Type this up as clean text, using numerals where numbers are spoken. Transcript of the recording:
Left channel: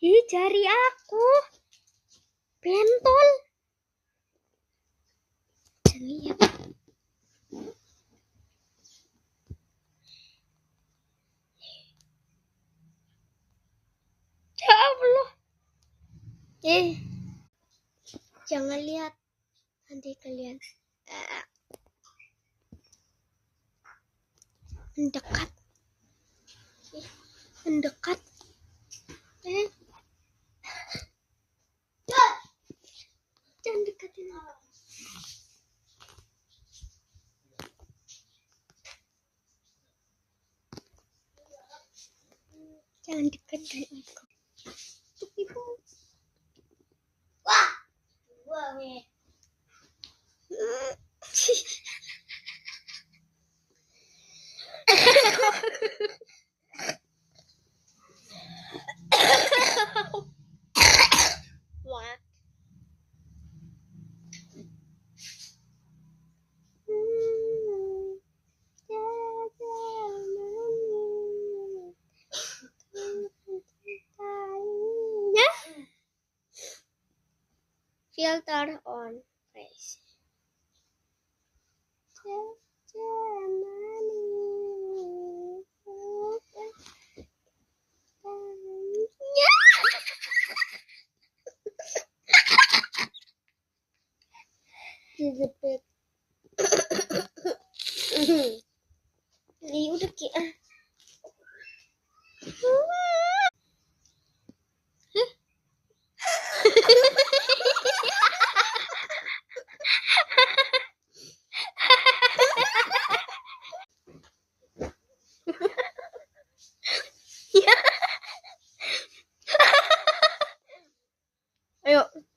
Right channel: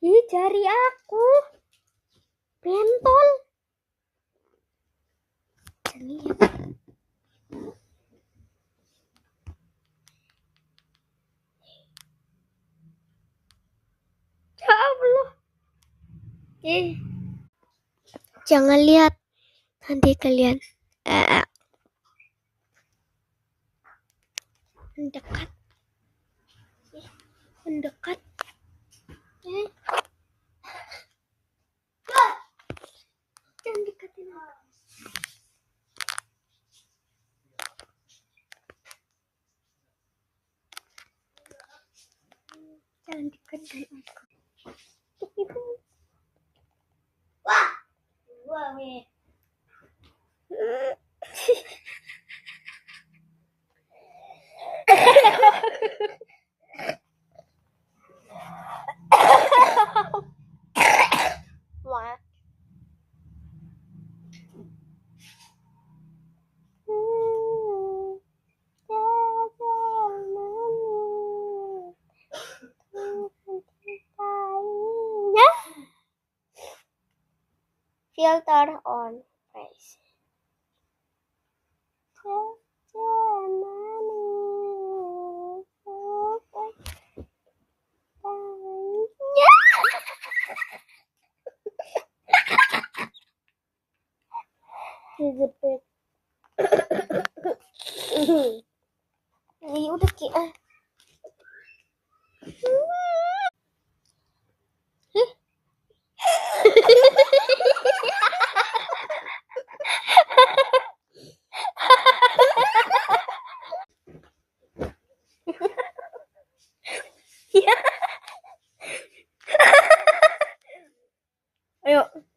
Ih, jari aku bentol. Lihat. Ya Allah. Jangan lihat. Nanti kalian mendekat. Mendekat. Jangan deketin aku. Jangan deketin aku. Wah. Wah, Wah. Filter on face. Ini udah ki. Ya. Ayo.